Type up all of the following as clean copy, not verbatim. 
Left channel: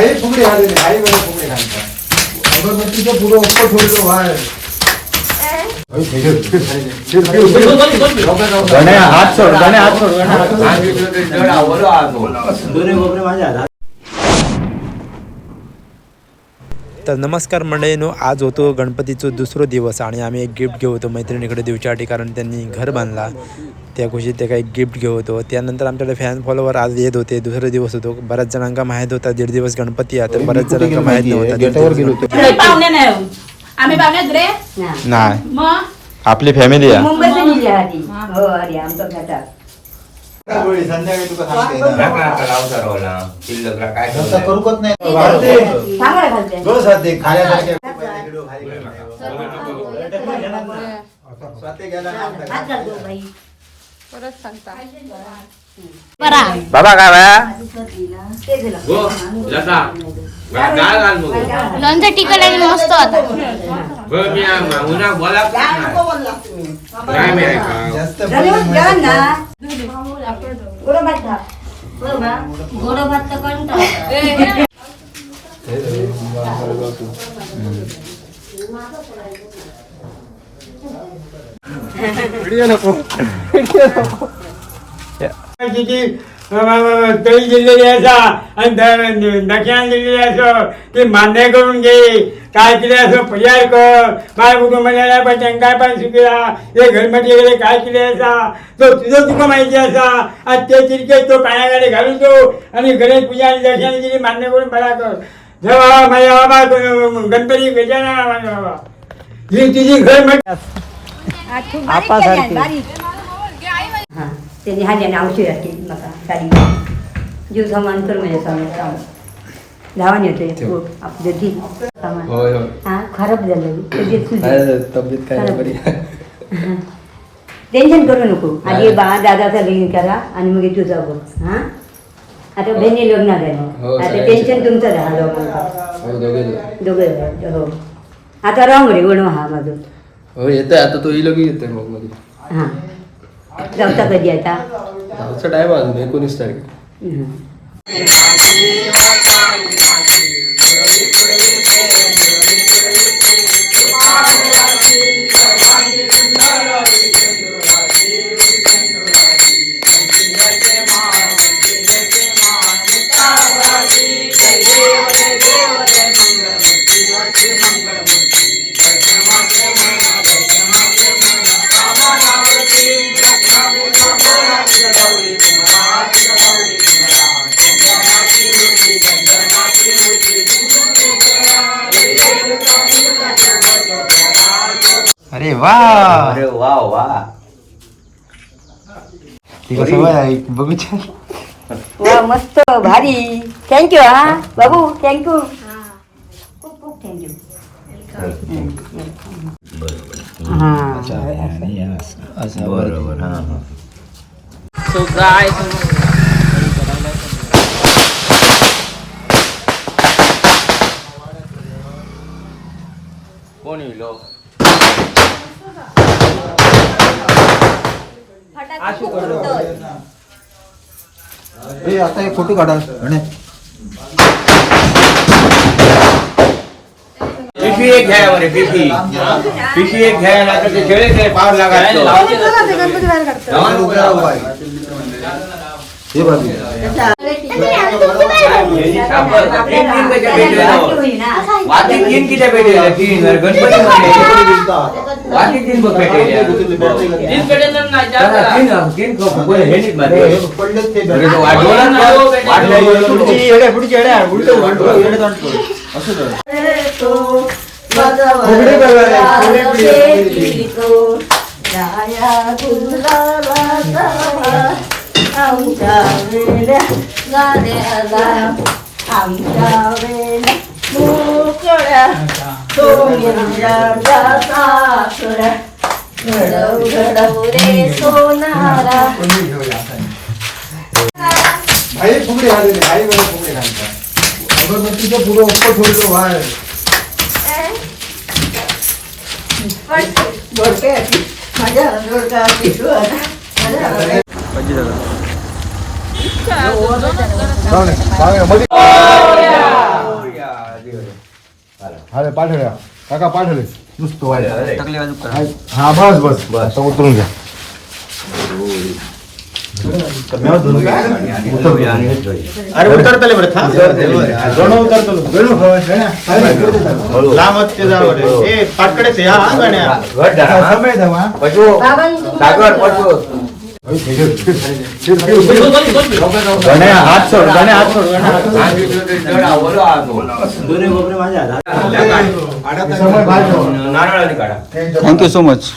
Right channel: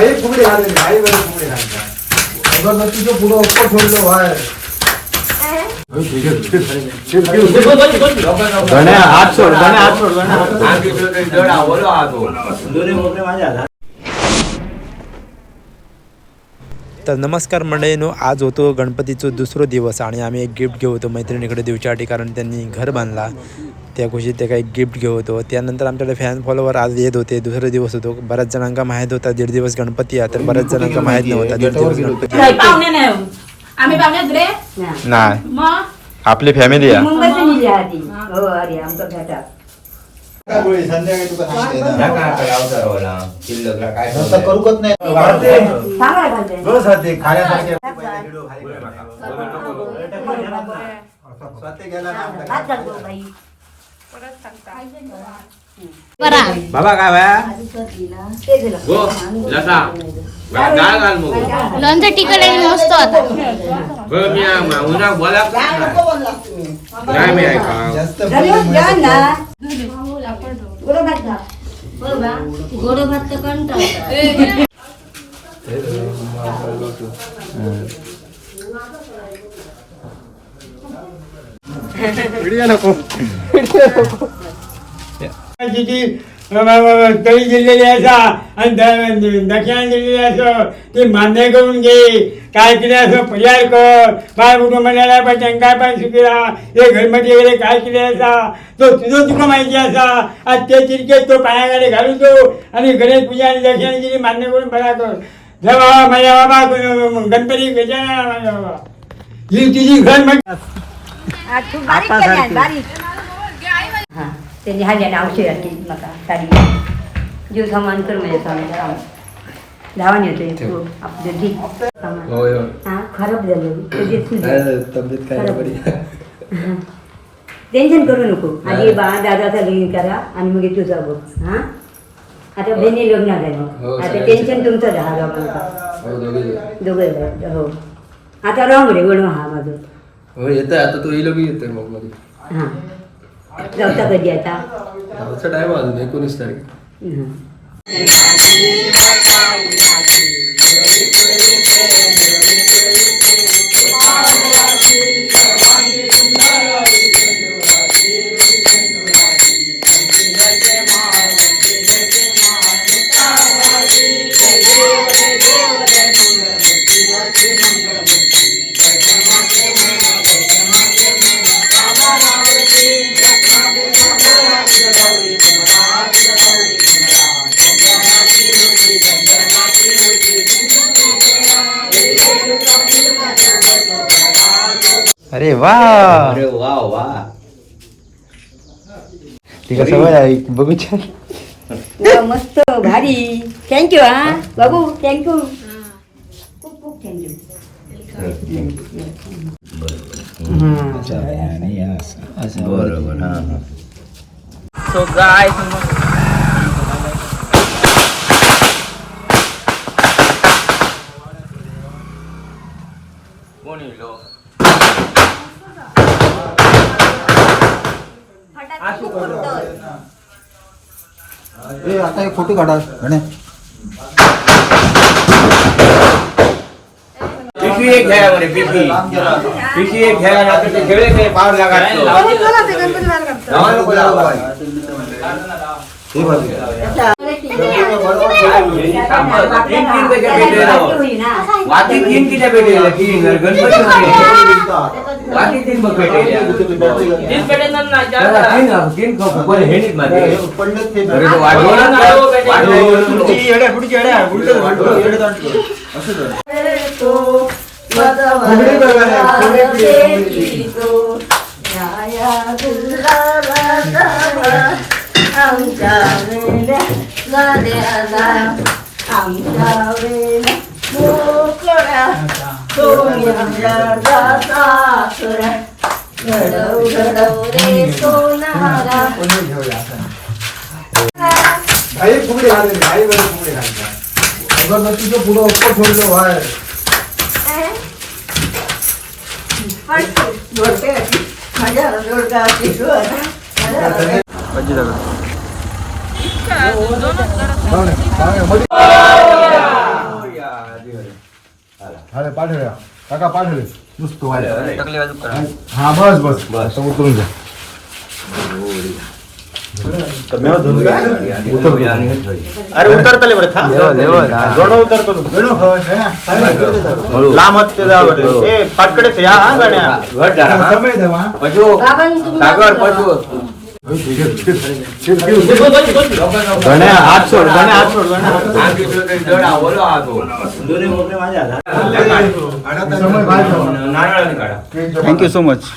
भाई फुगडे घालले भाई वर फुगडे घालता अगरबत्तीचं पुढं ओपो ठेवलं बाहेर तर नमस्कार मंडळींनो, आज होतो गणपतीचं दुसरा दिवस आणि आम्ही एक गिफ्ट घेऊ होतो मैत्रिणीकडे देऊच्यासाठी, कारण त्यांनी घर बांधला त्या खुशीत ते काही गिफ्ट घेऊ होतो. त्यानंतर आमच्याकडे फॅन फॉलोवर आज येत होते. दुसरा दिवस होतो. बऱ्याच जणांका माहीत होता 1.5 दिवस गणपती आहे, तर बऱ्याच जणांका माहीत नव्हता 1.5 दिवस गणपती आम्ही बावण्यात नाही. मग आपली फॅमिली आहे. मुंबईची निली आधी हो अरे आमचं घाटात संध्याकाळी तुका सांगते काय करूकच नाही चांगला घालते गो साथे खाण्यासारखे हात घालतो बाई बाबा काय बाया ते झालं गो लता काय घाल मग लोणचं टिकलं मस्त होता. गो मी उन्हा बोला काय मी ऐका जास्त जेवण ना गोड भात खा बरोबर गोड भात तर कंटाळा तळी दिलेली असा आणि दक्षिणा दिलेली असो ती मान्य करून घे. काय केले असं पर्याय कर. बाय कुठं म्हणायला पाहिजे काय पण सुखीला हे घरमध्ये गेले काय केले असा तो तुझं तुका माहिती असा. आज ते तिरके तो पायाकडे घालू तो आणि गणेश पूजा आणि दक्षिणा दिली मान्य करून बरा कर. बाबा माझ्या बाबा गणपती गजानन माझ्या बाबा ही तुझी घर म्हण हां त्यांनी हाल्याने औषध असतील म्हाका साडी जीव सामान कर म्हणजे सामान धावान येते आपलं घी सामान हां खराब झालं तब्येत काय टेन्शन करू नको. आधी दादाचा लग्न करा आणि मग तुझा बघ. हां आता बहिणी लग्न झाली आता टेन्शन तुमचं झालं दोघं हो आता राहू रे वणवा हा माझं हो येते आता तो येलो की येते मग मध्ये हां जाऊचा कधी आता टाइम अजून 19 तारीख. अरे वा अरे वा वा बघू वा मस्त भारी. थँक्यू हा बाबू थँक्यू खूप खूप थँक्यू. बरोबर हा हा. सो गाय कोण येईल आता एक फोटो काढा म्हणे पिशवी एक घ्या बरे पिशवी एक घ्या ना ते खेळे ते पावर लागायचं हे बघ वाटी तीन किती भेटेल तीन गणपती वाटी तीन बघ भेटेल तीन फुकले हे नीट मध्ये आमच्या वेळेला मोकळ्या सोन्याच्या सासुऱ्या घडव घडव रे सोनारा भाई फुगडे घालले भाई वर फुगडे घालता अगरबत्तीचं पुढं ओपो ठेवलं बाहेर माझ्या मध्ये हा पाठवल्या काका पाठवले नुसतं व्हायचं. हा बस आता उतरून घ्या. समय द्यावा. Thank you so much.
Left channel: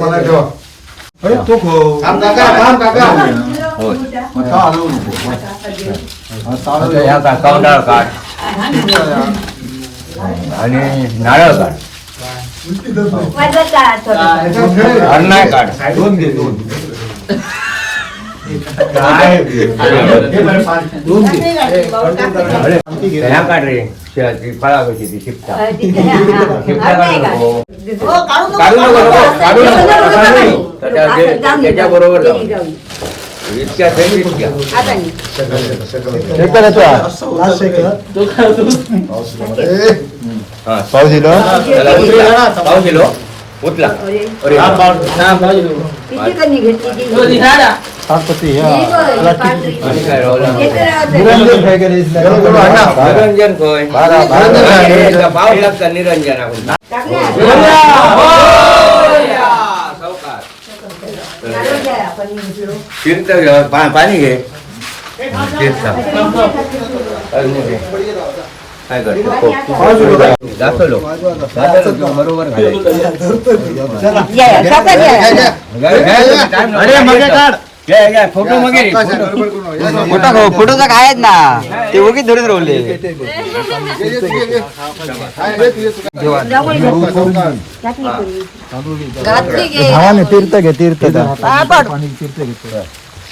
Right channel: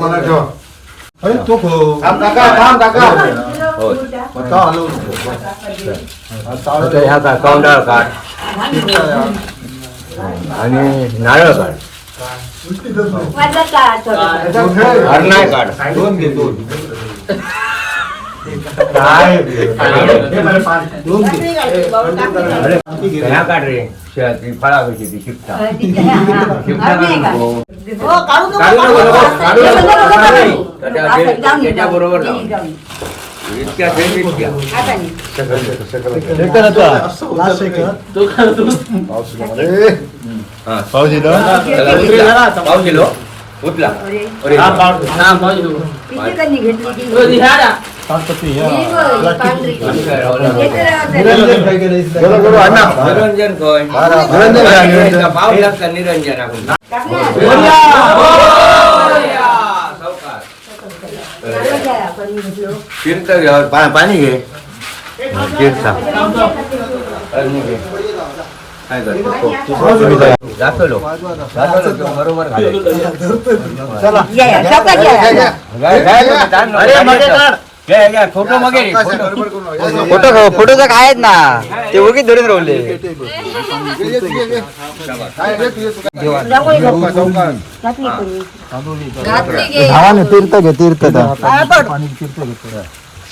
मला ठेवा. अरे तो काम काका ह्या काउंटर काढ आणि नारळ काढ हरणाय काढ. दोन घे दोन ह्या काढ रे फळावरची ती शिपटा. त्याच्या बरोबर इतक्या पाऊस उतला. निरंजन पाऊस लागतात निरंजन आपण तीर्थ घे पाणी घे. तीर्थ काय करतो बरोबर फोटोचा काय आहेत ना ते उगीच धरून राहिले.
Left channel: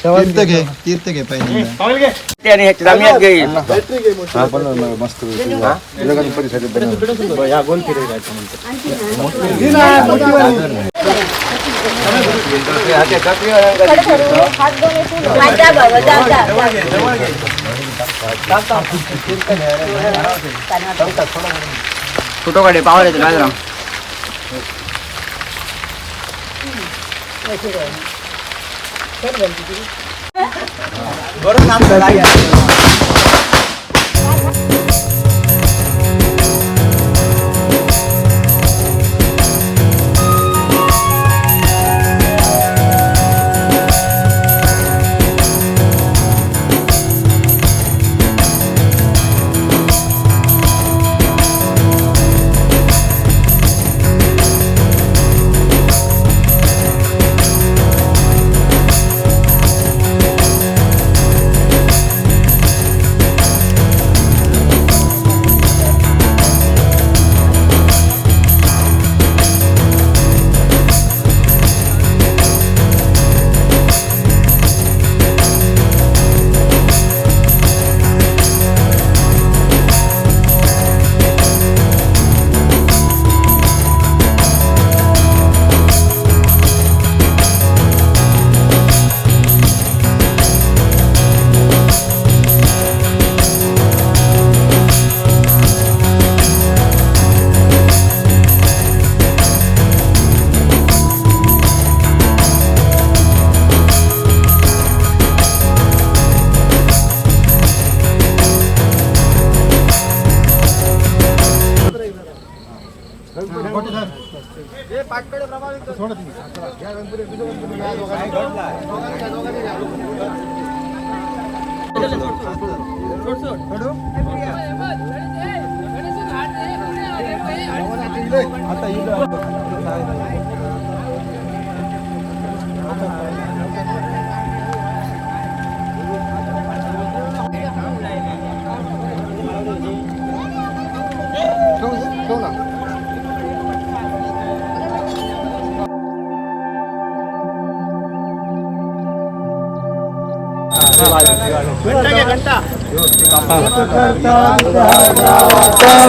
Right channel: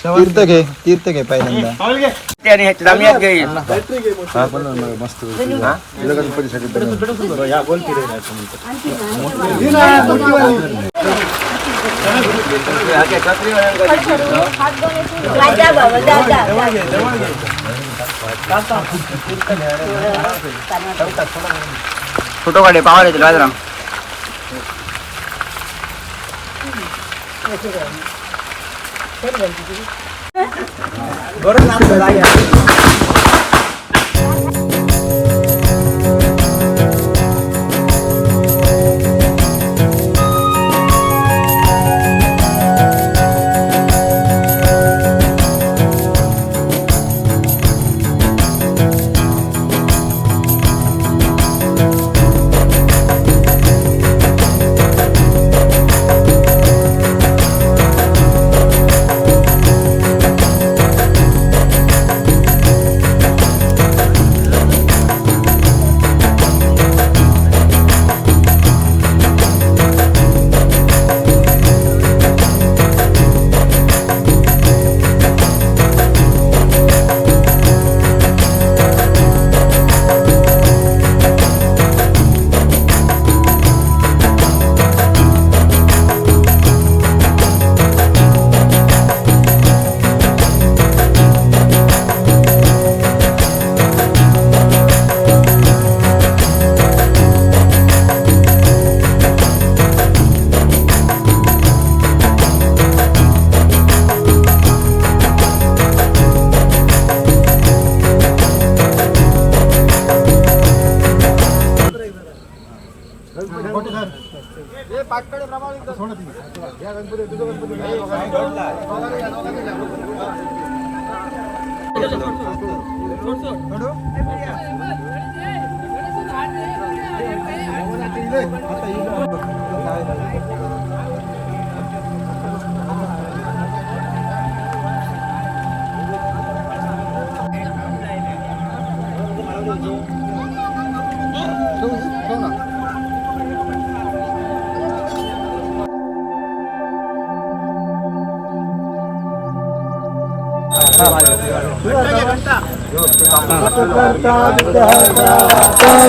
तीर्थ घे तीर्थ घे पहिल्यांदा. मस्त फोटो काढे पावर येतील राजराम.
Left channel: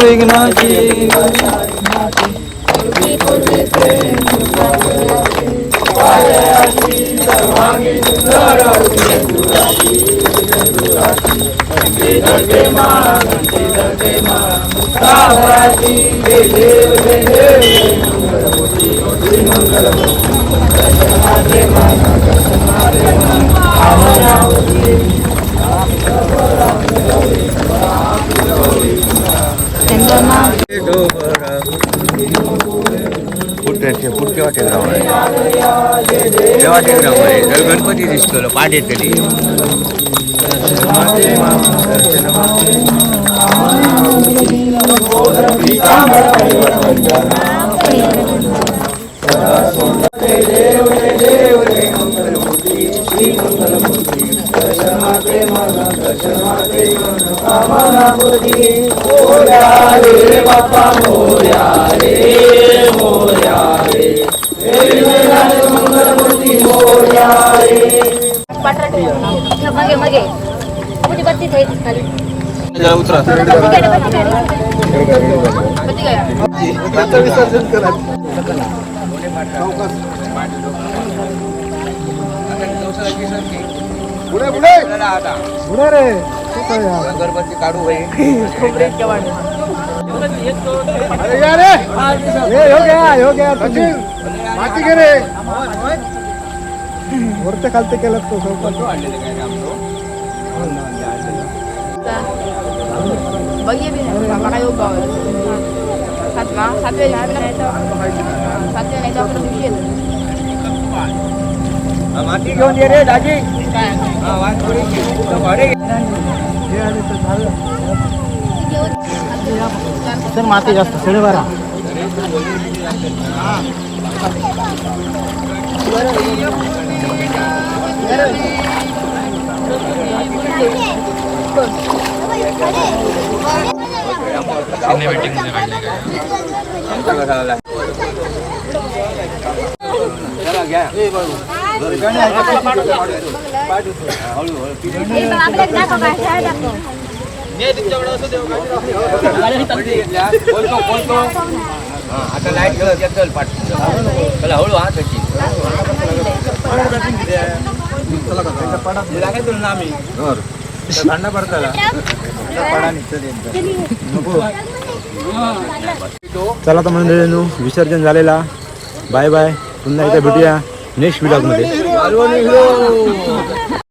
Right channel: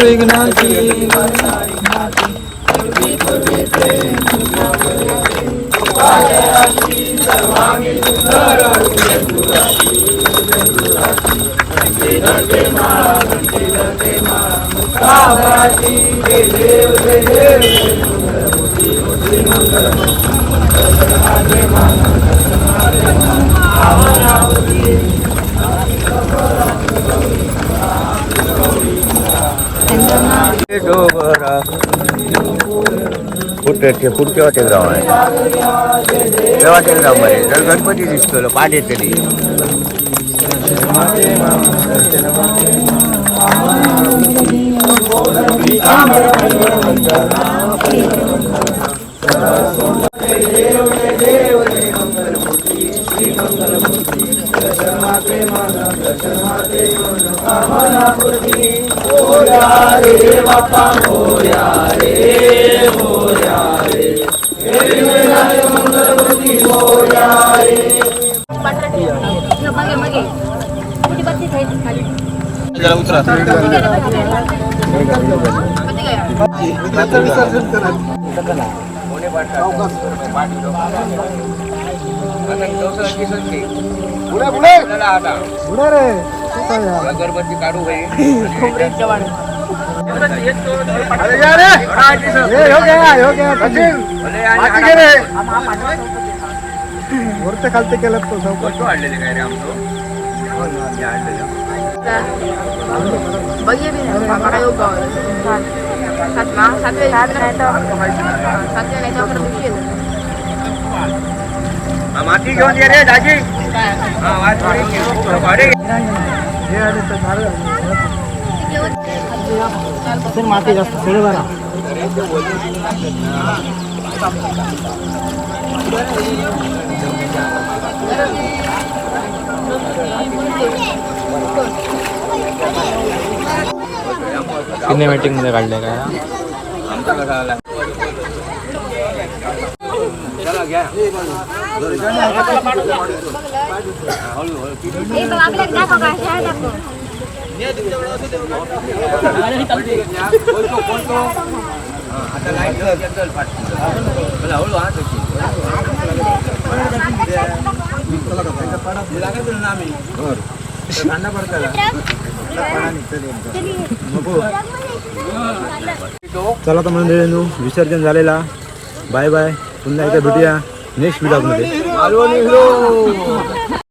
विघ्नाची तेव्हा टेंगरामध्ये जर गणपती दिसतो पाठ येतली गणपती काढू वरते खालते केलं वाढलेले काय रे आमचं माती घेऊन ये रे दाजी माती जास्त खेळी बरा सिनेमॅटिक मध्ये काढले काय आता लाईट चल पाठ चला हळू हा कशी लागेल ना आम्ही भांडा पडताला पडा नको चला तर मंडळींनो विसर्जन झालेला बाय बाय पुन्हा एकदा भेटूया नेक्स्ट व्हिडिओ मध्ये